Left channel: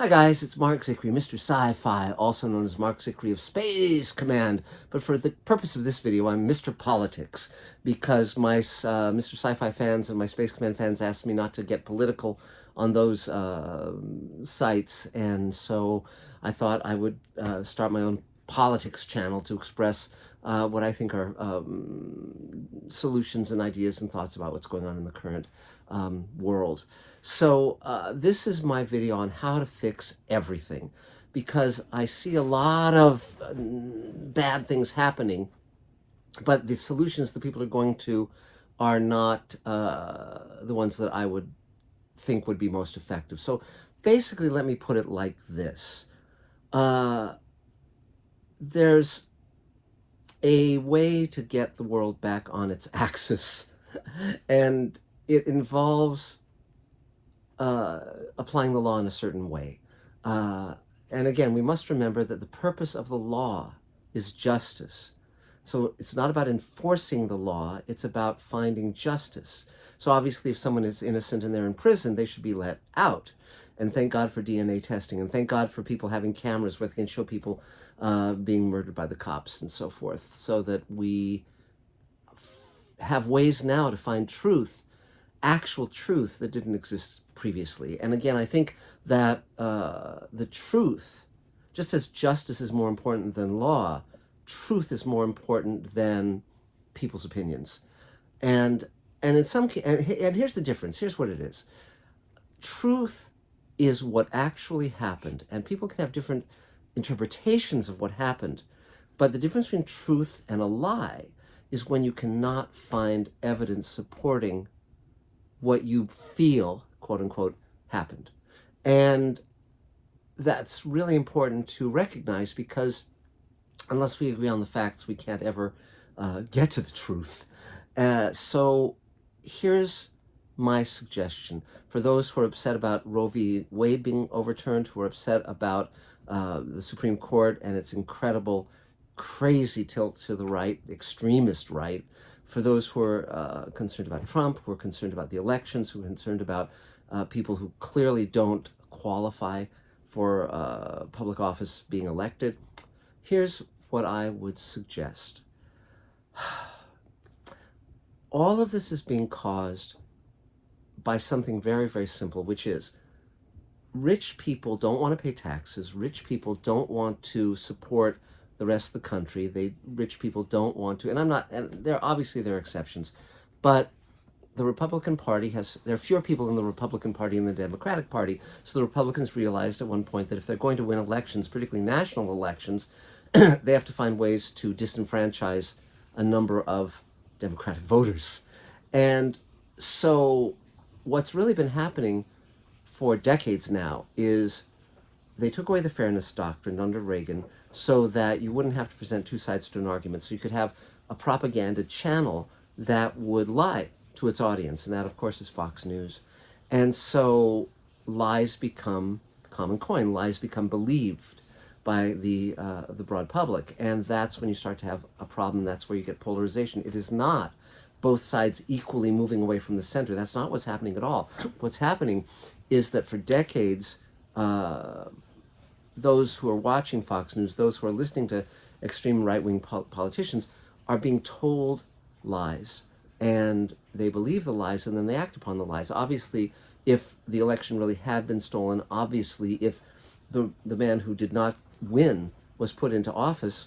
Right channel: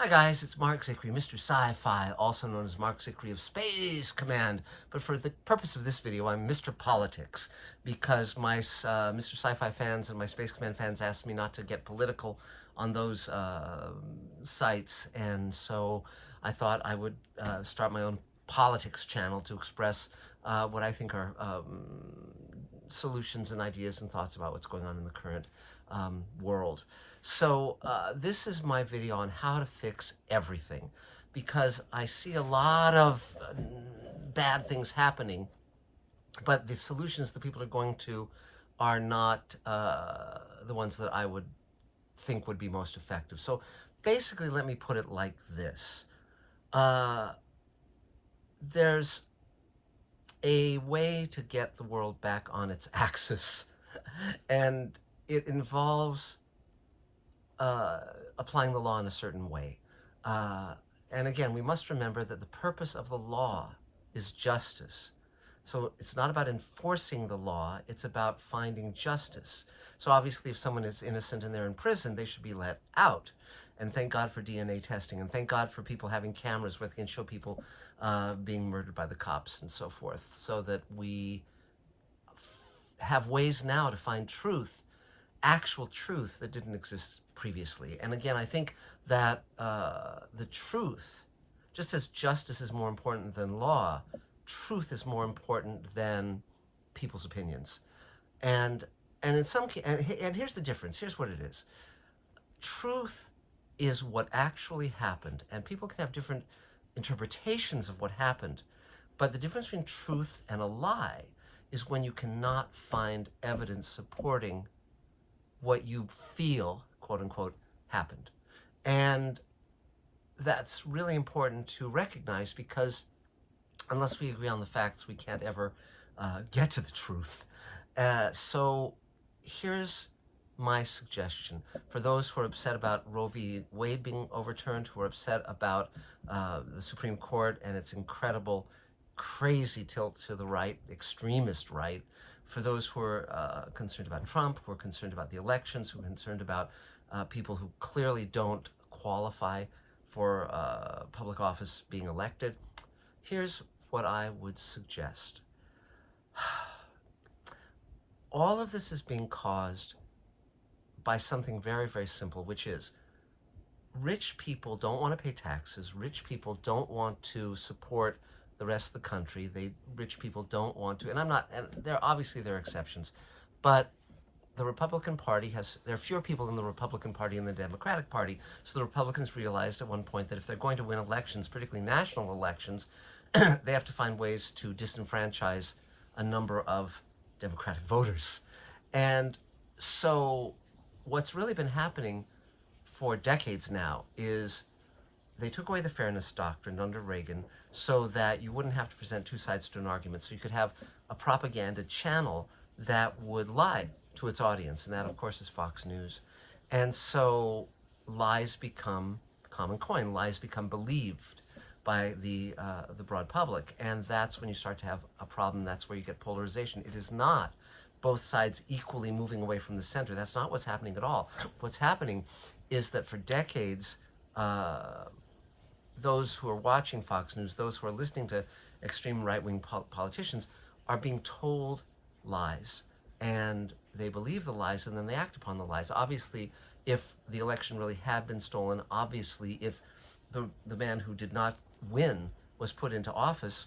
Hi guys, it's Marc Zicree, Mr. Sci-Fi, also known as Marc Zicree of Space Command. But for the purpose of this video, I'm Mr. Politics, because my Mr. Sci-Fi fans and my Space Command fans asked me not to get political on those sites, and so I thought I would start my own politics channel to express what I think are solutions and ideas and thoughts about what's going on in the current world. So this is my video on how to fix everything, because I see a lot of bad things happening, but the solutions that people are going to are not the ones that I would think would be most effective. So basically, let me put it like this. There's a way to get the world back on its axis, and it involves applying the law in a certain way. And again, we must remember that the purpose of the law is justice. So it's not about enforcing the law, it's about finding justice. So obviously, if someone is innocent and they're in prison, they should be let out. And thank God for DNA testing, and thank God for people having cameras where they can show people being murdered by the cops and so forth, so that we have ways now to find truth, actual truth that didn't exist previously. And again, I think that the truth, just as justice is more important than law, truth is more important than people's opinions. And in some and here's the difference. Here's what it is. Truth is what actually happened, and people can have different interpretations of what happened. But the difference between truth and a lie is when you cannot find evidence supporting what you feel, quote unquote, happened. And that's really important to recognize, because unless we agree on the facts, we can't ever get to the truth. So here's my suggestion for those who are upset about Roe v. Wade being overturned, who are upset about the Supreme Court and its incredible, crazy tilt to the right, extremist right. For those who are concerned about Trump, who are concerned about the elections, who are concerned about people who clearly don't qualify for public office being elected, here's what I would suggest. All of this is being caused by something very, very simple, which is rich people don't want to pay taxes. Rich people don't want to support the rest of the country. Rich people don't want to, and there are exceptions, but the Republican Party there are fewer people in the Republican Party than the Democratic Party. So the Republicans realized at one point that if they're going to win elections, particularly national elections, they have to find ways to disenfranchise a number of Democratic voters. And so what's really been happening for decades now is they took away the fairness doctrine under Reagan so that you wouldn't have to present two sides to an argument. So you could have a propaganda channel that would lie to its audience. And that, of course, is Fox News. And so lies become common coin. Lies become believed by the broad public. And that's when you start to have a problem. That's where you get polarization. It is not both sides equally moving away from the center. That's not what's happening at all. What's happening is that for decades, those who are watching Fox News, those who are listening to extreme right-wing politicians, are being told lies, and they believe the lies, and then they act upon the lies. Obviously, if the election really had been stolen, obviously, if the man who did not win was put into office,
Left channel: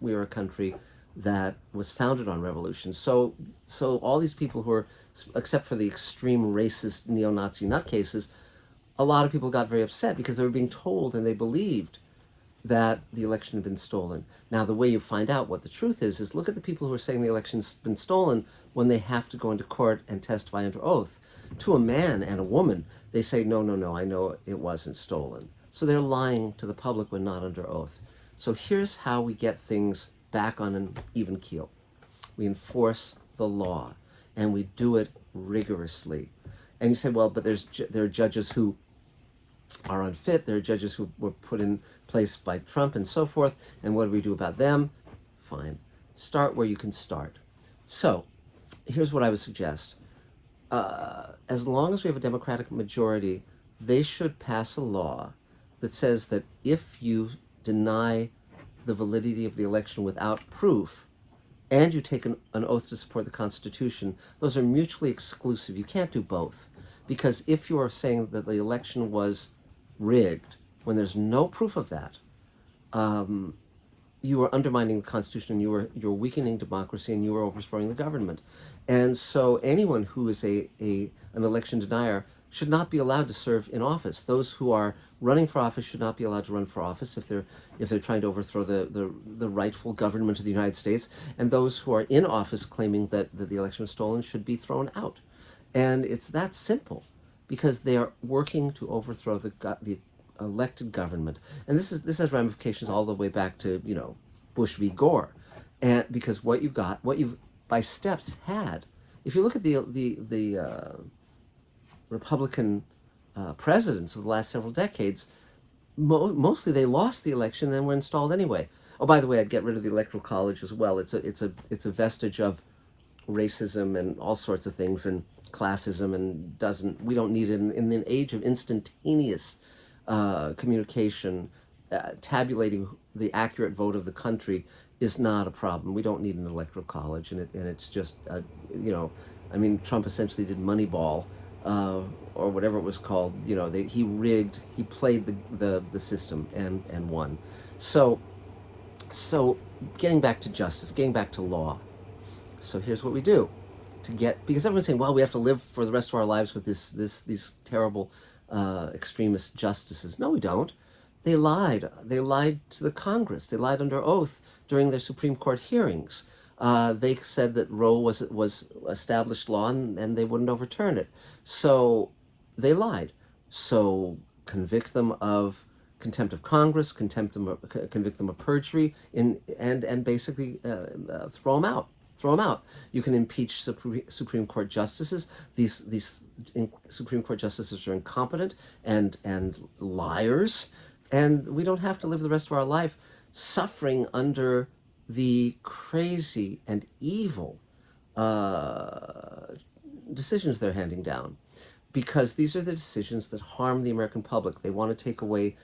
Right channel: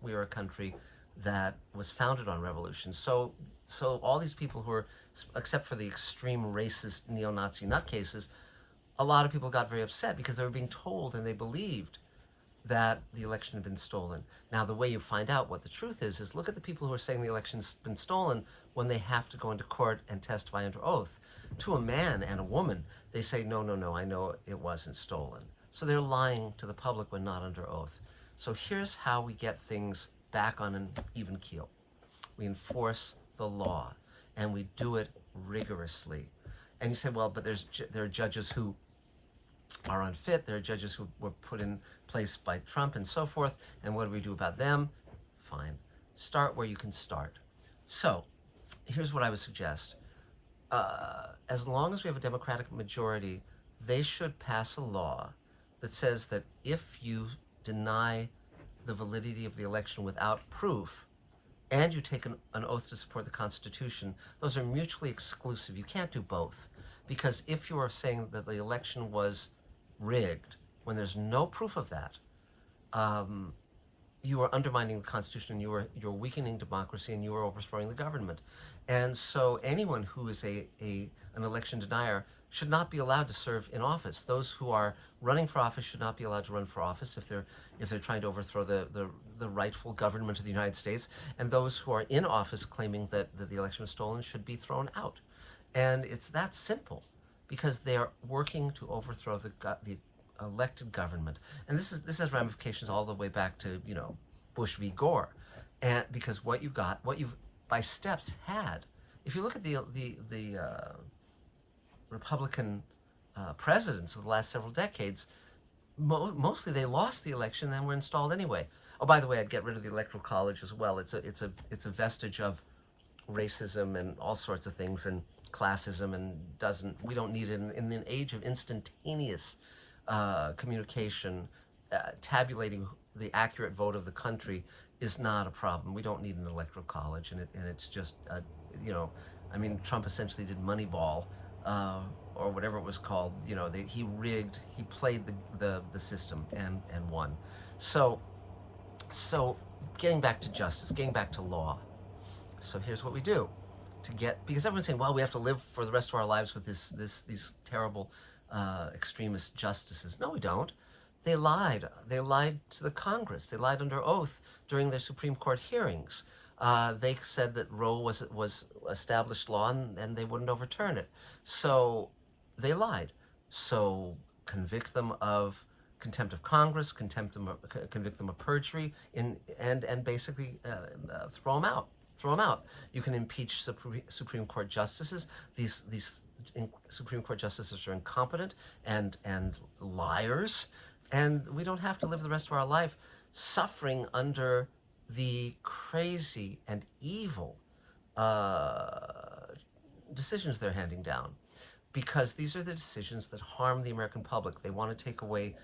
we are a country that was founded on revolution. So all these people who are, except for the extreme racist neo-Nazi nutcases, a lot of people got very upset because they were being told and they believed that the election had been stolen. Now, the way you find out what the truth is look at the people who are saying the election's been stolen when they have to go into court and testify under oath. To a man and a woman, they say, no, I know it wasn't stolen. So they're lying to the public when not under oath. So here's how we get things back on an even keel. We enforce the law, and we do it rigorously. And you say, well, but there are judges who are unfit. There are judges who were put in place by Trump and so forth. And what do we do about them? Fine. Start where you can start. So here's what I would suggest. As long as we have a Democratic majority, they should pass a law that says that if you deny the validity of the election without proof, and you take an oath to support the Constitution, those are mutually exclusive. You can't do both. Because if you are saying that the election was rigged when there's no proof of that, you are undermining the Constitution, and you're weakening democracy, and you are overthrowing the government. And so anyone who is an election denier should not be allowed to serve in office. Those who are running for office should not be allowed to run for office if they're trying to overthrow the rightful government of the United States. And those who are in office claiming that the election was stolen should be thrown out. And it's that simple, because they are working to overthrow the elected government. And this has ramifications all the way back to Bush v. Gore, and because what you've by steps had, if you look at the Republican presidents of the last several decades, mostly they lost the election, then were installed anyway. Oh, by the way, I'd get rid of the Electoral College as well. It's a vestige of racism and all sorts of things, and classism, and we don't need it in an age of instantaneous communication. Tabulating the accurate vote of the country is not a problem. We don't need an electoral college, and it's just I mean, Trump essentially did Moneyball, or whatever it was called. He rigged, he played the system and won. So getting back to justice, getting back to law. So here's what we do because everyone's saying, well, we have to live for the rest of our lives with these terrible extremist justices. No, we don't. They lied. They lied to the Congress. They lied under oath during their Supreme Court hearings. They said that Roe was established law, and they wouldn't overturn it. So they lied. So convict them of contempt of Congress, convict them of perjury, and basically throw them out. Throw them out. You can impeach Supreme Court justices. These Supreme Court justices are incompetent and liars, and we don't have to live the rest of our life suffering under the crazy and evil decisions they're handing down, because these are the decisions that harm the American public. They want to take away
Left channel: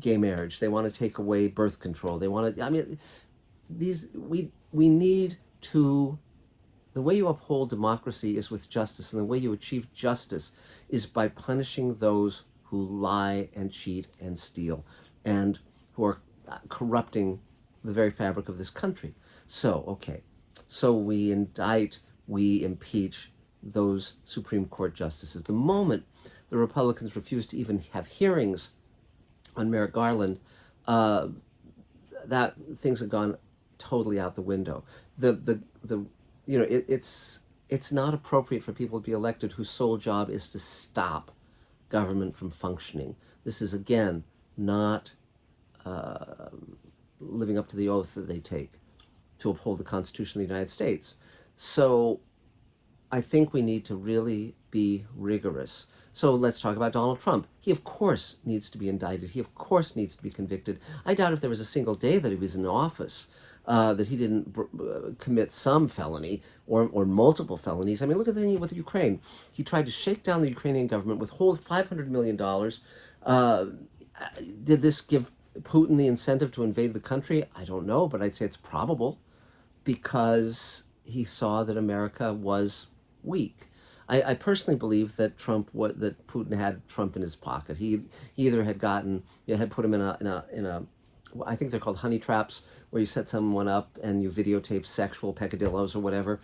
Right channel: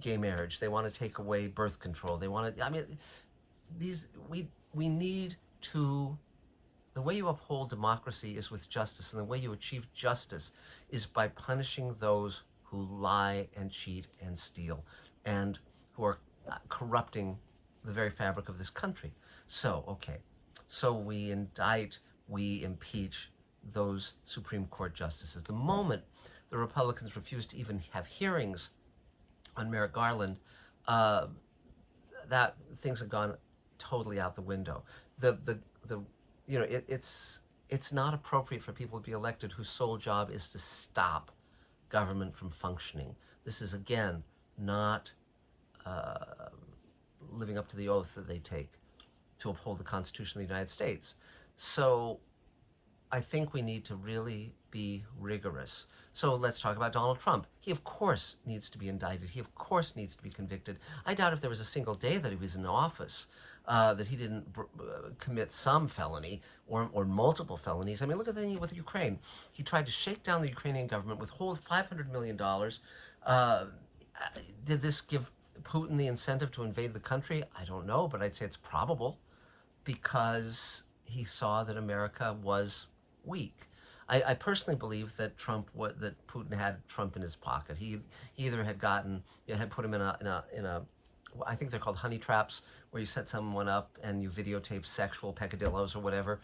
gay marriage. They want to take away birth control. They want to. I mean, we need to. The way you uphold democracy is with justice, and the way you achieve justice is by punishing those who lie and cheat and steal, and who are corrupting the very fabric of this country. So we indict, we impeach those Supreme Court justices. The moment the Republicans refuse to even have hearings on Merrick Garland, that things have gone totally out the window. It's not appropriate for people to be elected whose sole job is to stop government from functioning. This is, again, not living up to the oath that they take to uphold the Constitution of the United States. So I think we need to really be rigorous. So let's talk about Donald Trump. He, of course, needs to be indicted. He, of course, needs to be convicted. I doubt if there was a single day that he was in office that he didn't commit some felony or multiple felonies. I mean, look at the thing with Ukraine. He tried to shake down the Ukrainian government, withhold $500 million. Did this give Putin the incentive to invade the country? I don't know, but I'd say it's probable, because he saw that America was weak. I personally believe that that Putin had Trump in his pocket. He either had put him in a I think they're called honey traps, where you set someone up and you videotape sexual peccadillos or whatever.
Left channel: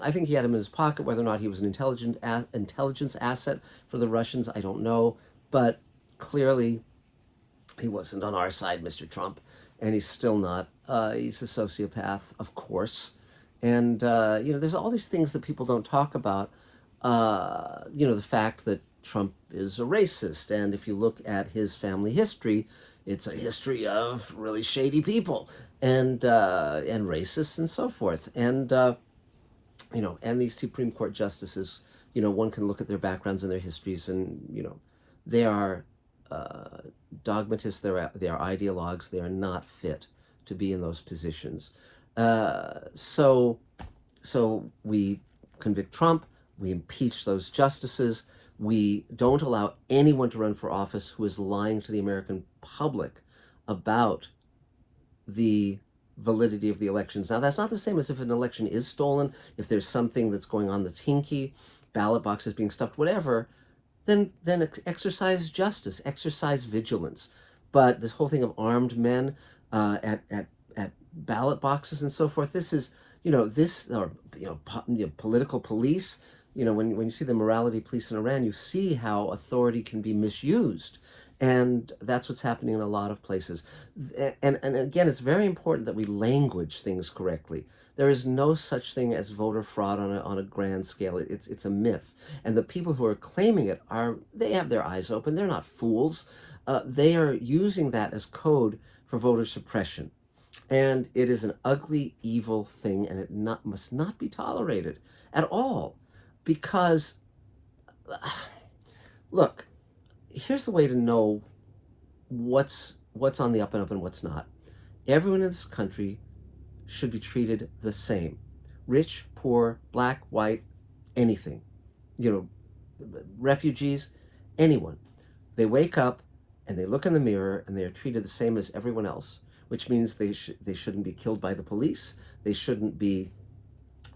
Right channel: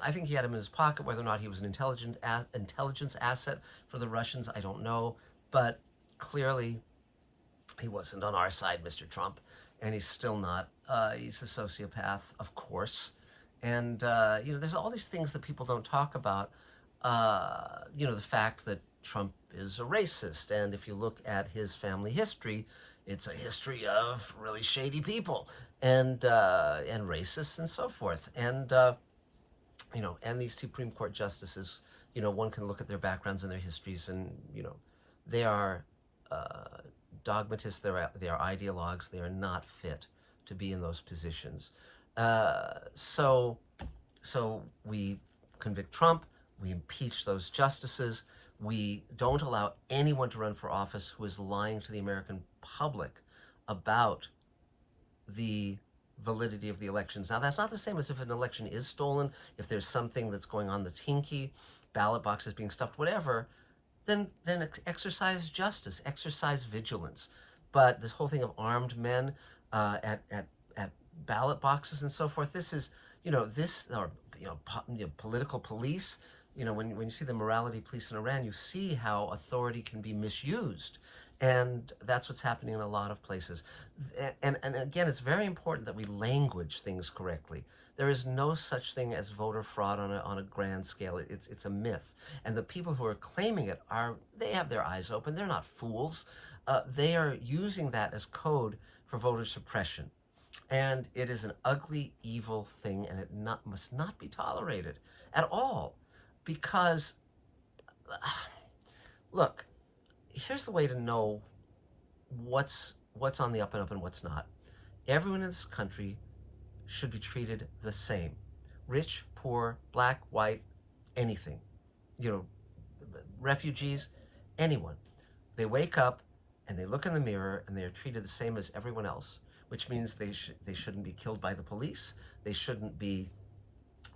I think he had him in his pocket. Whether or not he was an intelligence asset for the Russians, I don't know. But clearly, he wasn't on our side, Mr. Trump, and he's still not. He's a sociopath, of course. And, there's all these things that people don't talk about. The fact that Trump is a racist. And if you look at his family history, it's a history of really shady people and racists and so forth. And, and these Supreme Court justices, one can look at their backgrounds and their histories, and, they are dogmatists, they are ideologues, they are not fit to be in those positions. So we convict Trump, we impeach those justices, We don't allow anyone to run for office who is lying to the American public about the validity of the elections. Now, that's not the same as if an election is stolen, if there's something that's going on that's hinky, ballot boxes being stuffed, whatever, then exercise justice, exercise vigilance. But this whole thing of armed men at ballot boxes and so forth, this is, this, or, political police. When you see the morality police in Iran, you see how authority can be misused. And that's what's happening in a lot of places. And again, it's very important that we language things correctly. There is no such thing as voter fraud on a grand scale. It's a myth. And the people who are claiming it they have their eyes open. They're not fools. They are using that as code for voter suppression. And it is an ugly, evil thing, and it must not be tolerated at all. Because, look, here's the way to know what's on the up and up and what's not. Everyone in this country should be treated the same. Rich, poor, black, white, anything. Refugees, anyone. They wake up and they look in the mirror and they are treated the same as everyone else, which means they shouldn't be killed by the police. They shouldn't be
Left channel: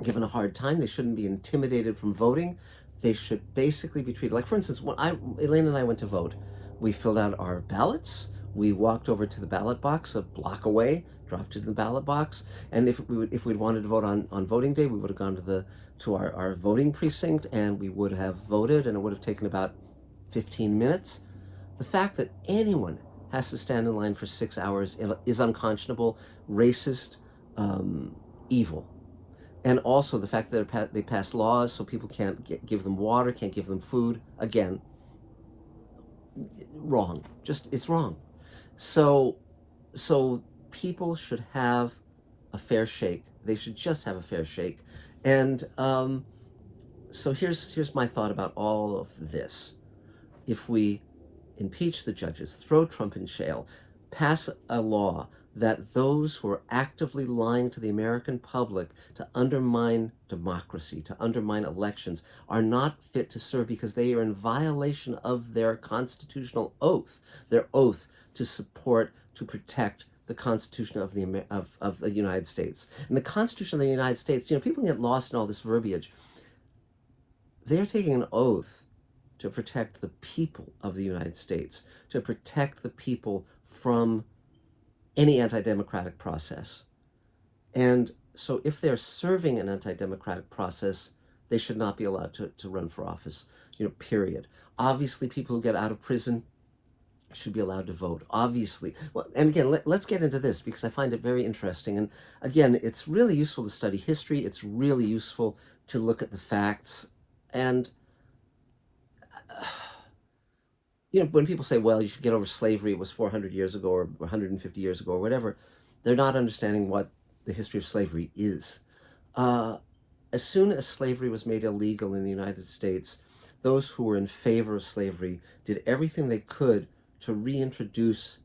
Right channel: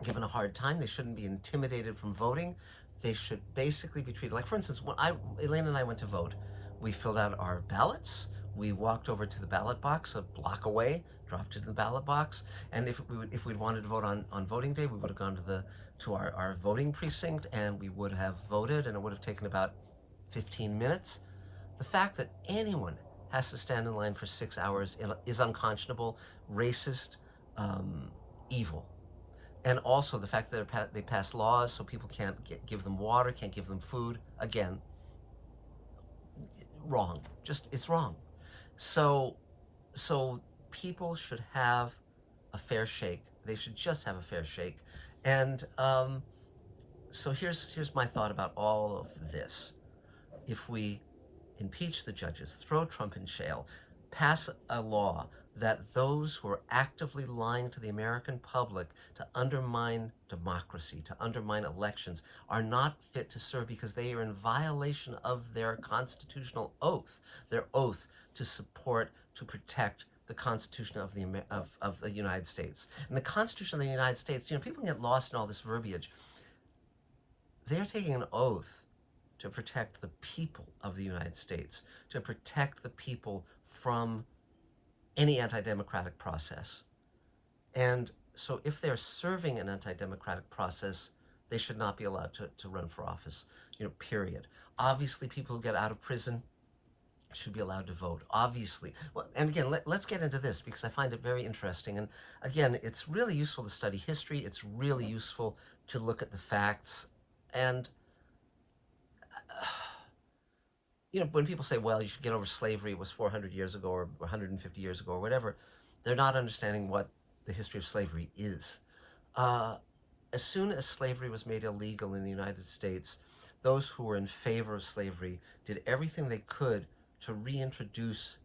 given a hard time. They shouldn't be intimidated from voting. They should basically be treated like, for instance, when Elaine and I went to vote, we filled out our ballots. We walked over to the ballot box a block away, dropped it in the ballot box, and if we'd wanted to vote on voting day, we would have gone to our voting precinct, and we would have voted, and it would have taken about 15 minutes. The fact that anyone has to stand in line for 6 hours is unconscionable, racist, evil. And also the fact that they pass laws so people can't give them water, can't give them food. Again, wrong. It's wrong. So people should have a fair shake. They should just have a fair shake. And so here's my thought about all of this. If we impeach the judges, throw Trump in jail, pass a law that those who are actively lying to the American public to undermine democracy, to undermine elections, are not fit to serve because they are in violation of their constitutional oath, their oath to support, to protect the Constitution of the United States. And the Constitution of the United States, people get lost in all this verbiage. They're taking an oath to protect the people of the United States, to protect the people from any anti-democratic process. And so if they're serving an anti-democratic process, they should not be allowed to run for office, period. Obviously, people who get out of prison should be allowed to vote, obviously. Well, and again, let's get into this because I find it very interesting. And again, it's really useful to study history. It's really useful to look at the facts. And when people say, well, you should get over slavery, it was 400 years ago or 150 years ago or whatever, they're not understanding what the history of slavery is. As soon as slavery was made illegal in the United States, those who were in favor of slavery did everything they could to reintroduce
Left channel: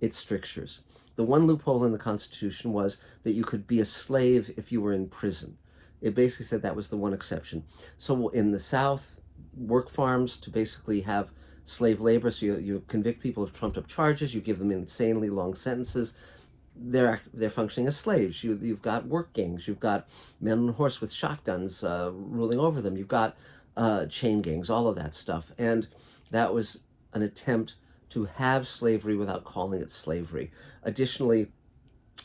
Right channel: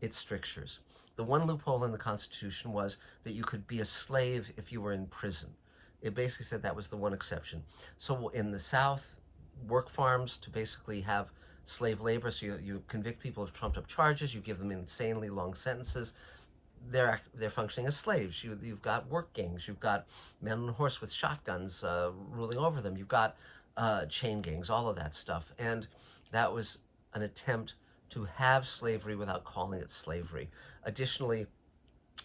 its strictures. The one loophole in the Constitution was that you could be a slave if you were in prison. It basically said that was the one exception. So in the South, work farms to basically have slave labor, so you convict people of trumped up charges, you give them insanely long sentences, they're functioning as slaves. You've got work gangs, you've got men on a horse with shotguns ruling over them, you've got chain gangs, all of that stuff. And that was an attempt to have slavery without calling it slavery. Additionally,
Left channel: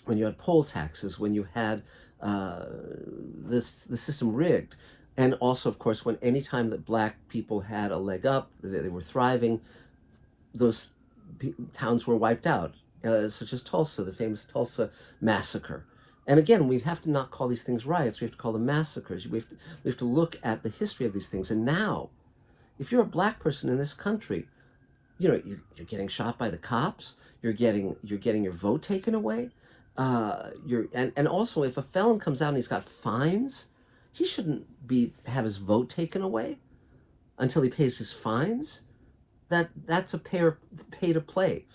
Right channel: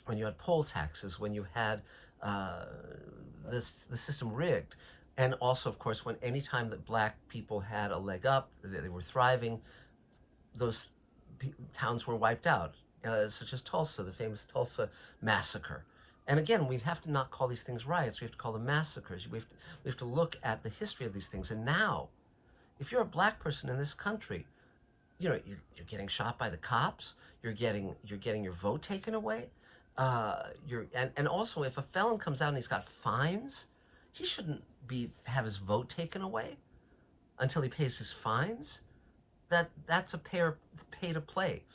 when you had poll taxes, when you had the system rigged, and also, of course, when any time that black people had a leg up, they were thriving, those towns were wiped out, such as Tulsa, the famous Tulsa massacre. And again, we have to not call these things riots. We have to call them massacres. We have to look at the history of these things. And now, if you're a black person in this country, you're getting shot by the cops. You're getting your vote taken away. And also, if a felon comes out and he's got fines, he shouldn't have his vote taken away until he pays his fines. That's a pay to play.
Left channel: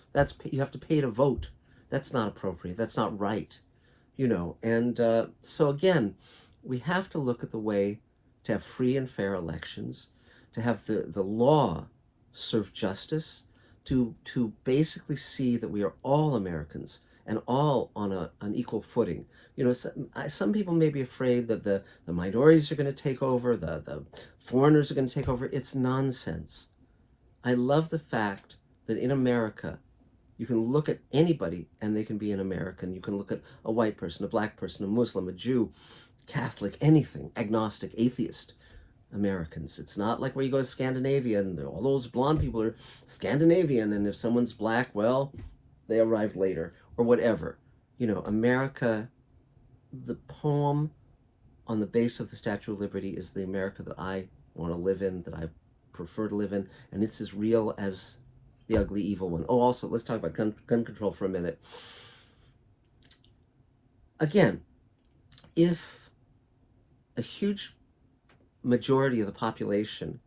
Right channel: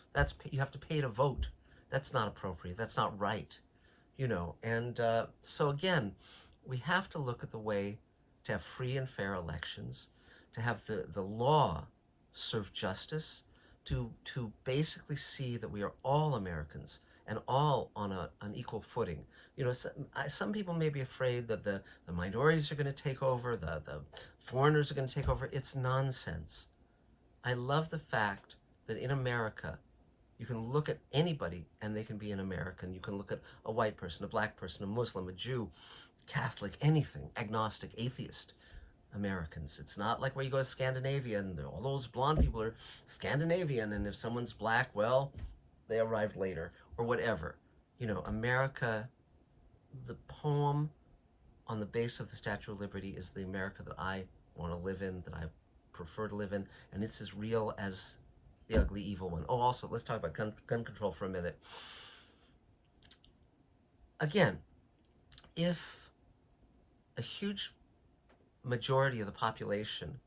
You have to pay to vote. That's not appropriate. That's not right. And so again, we have to look at the way to have free and fair elections, to have the law serve justice, to basically see that we are all Americans and all on an equal footing. Some people may be afraid that the minorities are going to take over, the foreigners are going to take over. It's nonsense. I love the fact that in America, you can look at anybody and they can be an American. You can look at a white person, a black person, a Muslim, a Jew, Catholic, anything, agnostic, atheist. Americans. It's not like where you go to Scandinavia and all those blonde people are Scandinavian, and if someone's black, well, they arrived later or whatever. America, the poem on the base of the Statue of Liberty is the America that I want to live in, that I prefer to live in, and it's as real as the ugly, evil one. Oh, also, let's talk about gun control for a minute. Again, if a huge majority of the population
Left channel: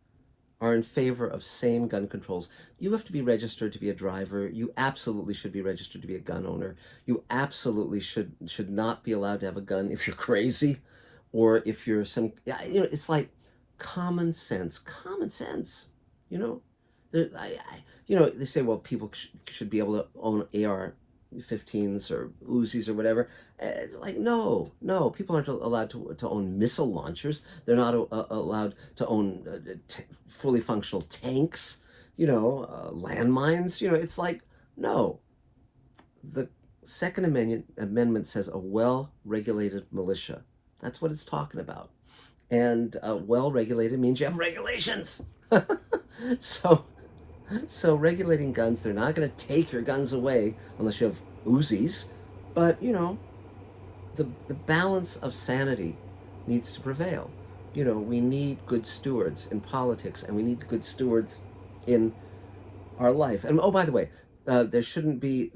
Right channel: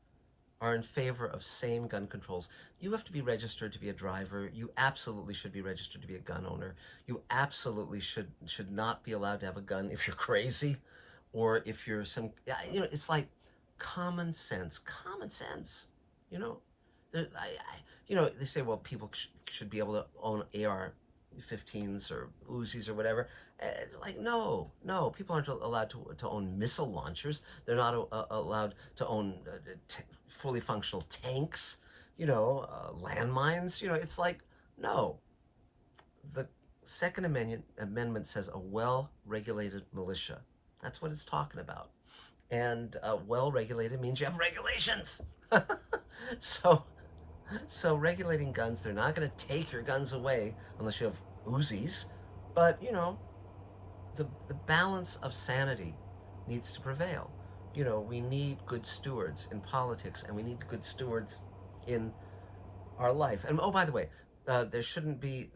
are in favor of sane gun controls, you have to be registered to be a driver. You absolutely should be registered to be a gun owner. You absolutely should not be allowed to have a gun if you're crazy, or if you're it's like common sense. You know, they say, well, people should be able to own AR-15s or Uzis or whatever. It's like, no, people aren't allowed to own missile launchers. They're not allowed to own fully functional tanks, landmines. It's like, no. The Second Amendment says a well-regulated militia. That's what it's talking about. And well-regulated means you have regulations. So regulating guns, they're not going to take your guns away unless you have Uzis, but the balance of sanity needs to prevail. We need good stewards in politics, and we need good stewards in our life. And oh, by the way, there shouldn't be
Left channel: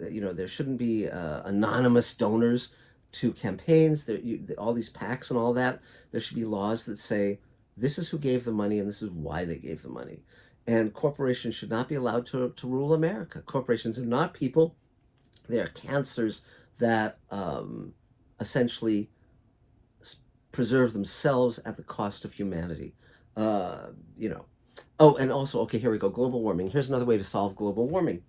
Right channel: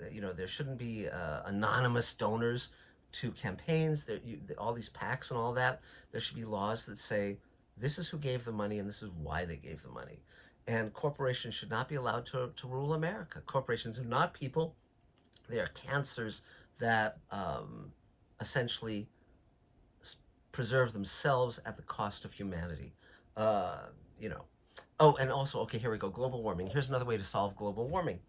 anonymous donors to campaigns. All these PACs and all that. There should be laws that say this is who gave the money and this is why they gave the money. And corporations should not be allowed to rule America. Corporations are not people. They are cancers that essentially preserve themselves at the cost of humanity. Oh, and also, okay, here we go, global warming. Here's another way to solve global warming.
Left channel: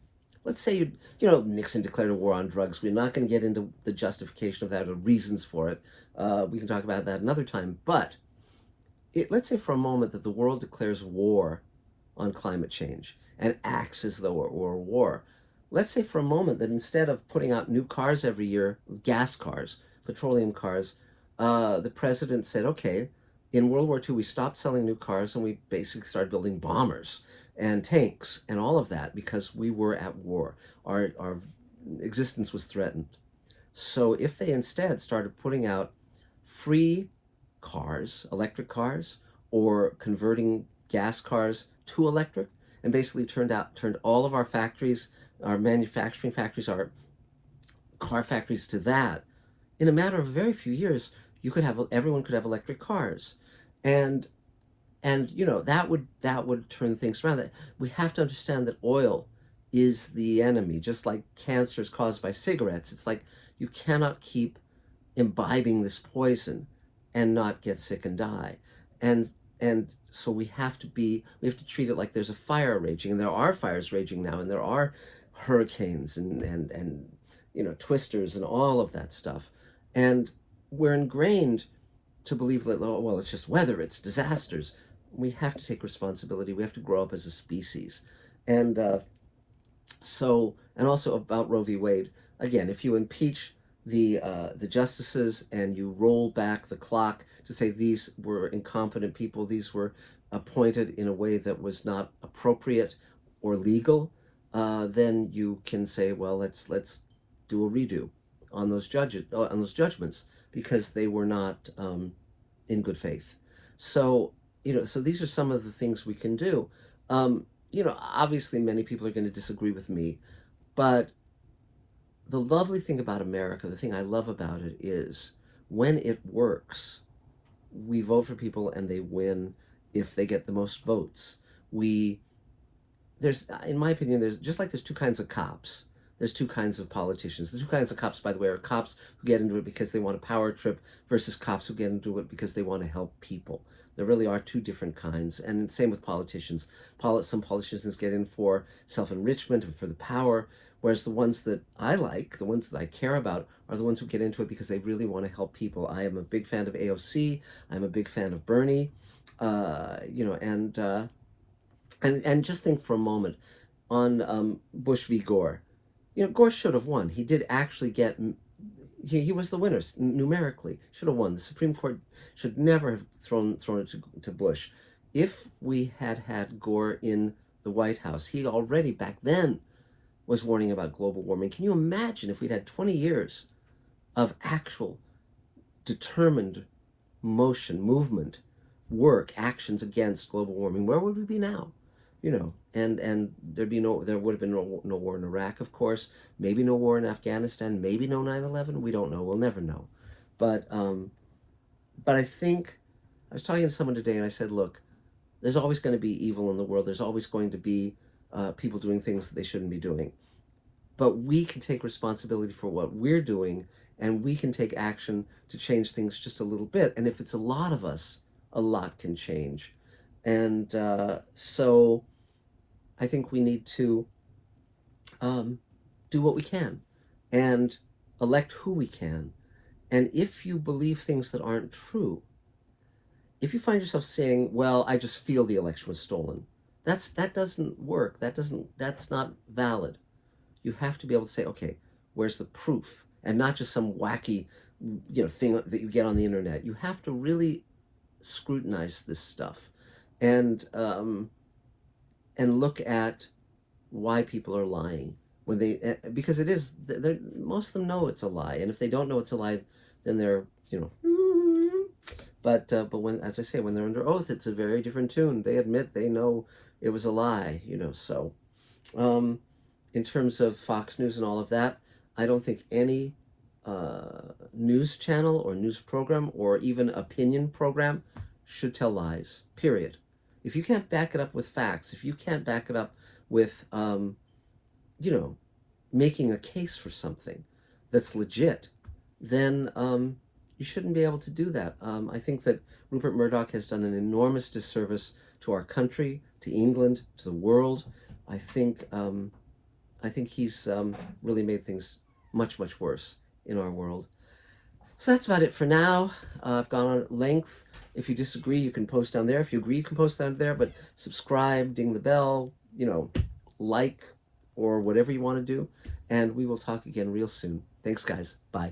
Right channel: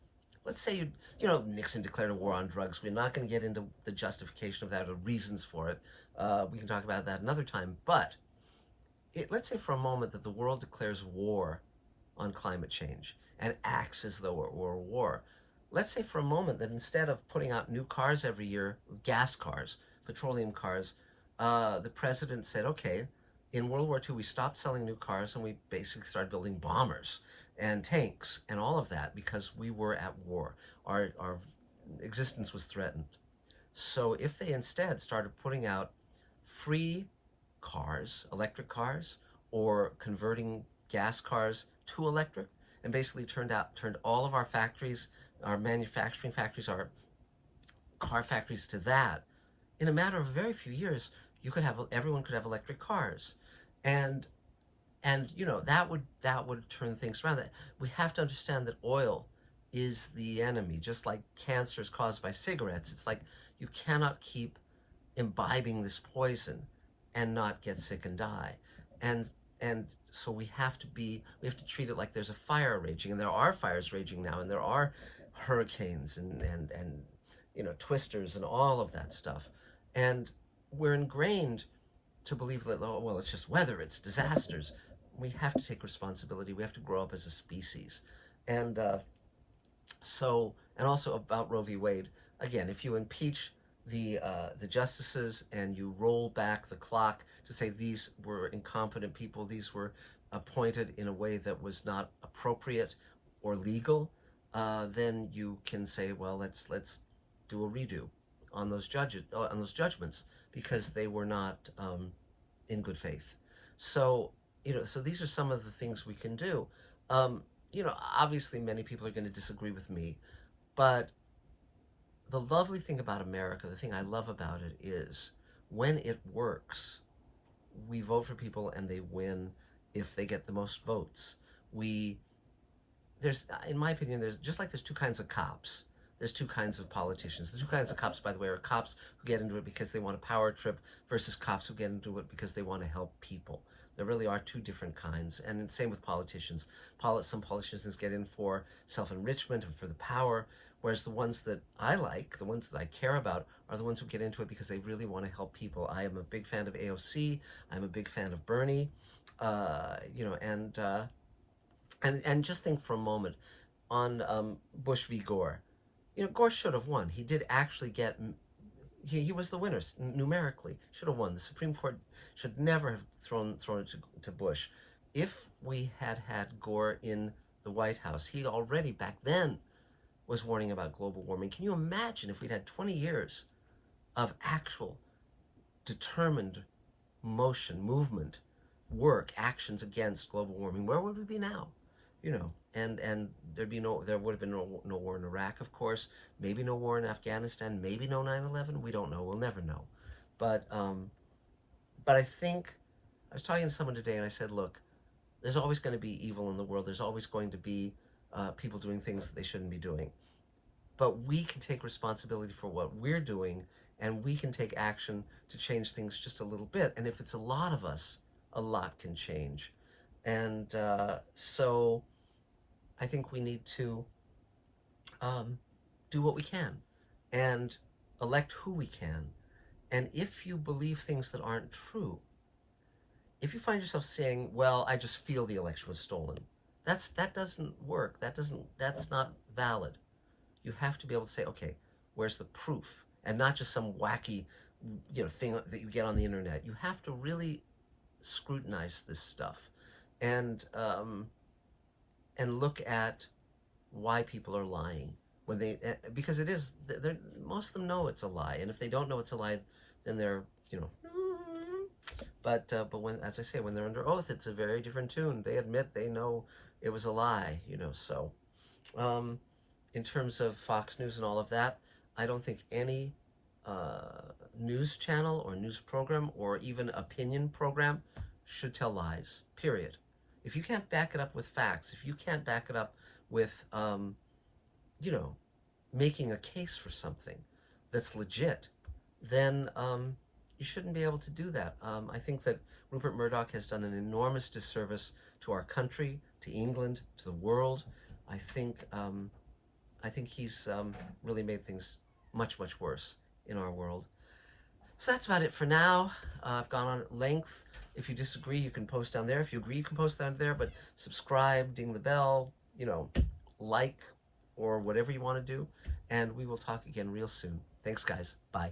Let's say Nixon declared a war on drugs. We're not going to get into the justification of that or reasons for it. We can talk about that another time. But let's say for a moment that the world declares war on climate change and acts as though it were a war. Let's say for a moment that instead of putting out new cars every year, gas cars, petroleum cars, the president said, okay, in World War II, we stopped selling new cars and we basically started building bombers and tanks and all of that because we were at war. Our existence was threatened. So if they instead started putting out free cars, electric cars, or converting gas cars to electric, and basically turned all of our factories, our manufacturing factories, our car factories to that, in a matter of a very few years, everyone could have electric cars, and that would turn things around. We have to understand that oil is the enemy, just like cancer is caused by cigarettes. It's like you cannot keep imbibing this poison and not get sick and die, and so we have to treat it like there's a fire raging, and there are fires raging now, and there are hurricanes and twisters and all of that stuff, and we're ingrained to believe that, oh, well, it's just weather, it's disasters. We have to take responsibility. We have to grow up as a species, and also about Roe v. Wade. Again, if you impeach the justices and you roll back the clock to say these were incompetent people, these were appointed in a way that was not appropriate or legal, then you can say, well, let's do a redo on those judgments, because they were not in good faith. So these are some of the things we can do. Obviously many people are going to disagree with me, but the lovely thing about America, the thing I love about it, is when it works, we vote for people and they win if they get the most votes. In my opinion, there's two kinds of cops. there's two kinds of politicians. The two kinds of cops, by the way, are cops who get into it because they want a power trip versus cops who get into it because they want to help people. There really are two different kinds. And same with politicians. Some politicians get in for self-enrichment and for the power, whereas the ones that I like, the ones that I care about, are the ones who get into it because they really want to help people. I am a big fan of AOC. I'm a big fan of Bernie. And just think for a moment on Bush v. Gore. Gore should have won. He did actually get. He was the winner numerically. Should have won. The Supreme Court should never have thrown it to Bush. If we had Gore in the White House, he already back then was warning about global warming. Can you imagine if we'd had 20 years of actual determined movement, work, actions against global warming? Where would we be now? And there would have been no war in Iraq, of course, maybe no war in Afghanistan, maybe no 9/11. We don't know. We'll never know. But I think I was talking to someone today, and I said, look, there's always going to be evil in the world. There's always going to be people doing things that they shouldn't be doing. But we can take responsibility for what we're doing, and we can take action to change things just a little bit. And if it's a lot of us, a lot can change. And so I think we need to do what we can and elect who we can. And if you believe things that aren't true, if you find yourself saying, well, I just feel the election was stolen, that doesn't work. That's not valid. You have to be able to say, okay, where's the proof? And not just some wacky thing that you get on the internet. You have to really scrutinize this stuff and look at why people are lying when because most of them know it's a lie, and if they don't know it's a lie, then they're but when, as I say, when they're under oath, it's a very different tune. They admit they know it was a lie, so in terms of Fox News and all of that, I don't think any news channel or news program or even opinion program should tell lies, period. If you can't back it up with facts, if you can't back it up with, making a case for something that's legit, then you shouldn't be able to do that. I think that Rupert Murdoch has done an enormous disservice to our country, to England, to the world. I think he's really made things much, much worse in our world. So that's about it for now. I've gone on at length. If you disagree, you can post down there. If you agree, you can post down there. But subscribe, ding the bell, like, or whatever you want to do. And we will talk again real soon. Thanks, guys. Bye.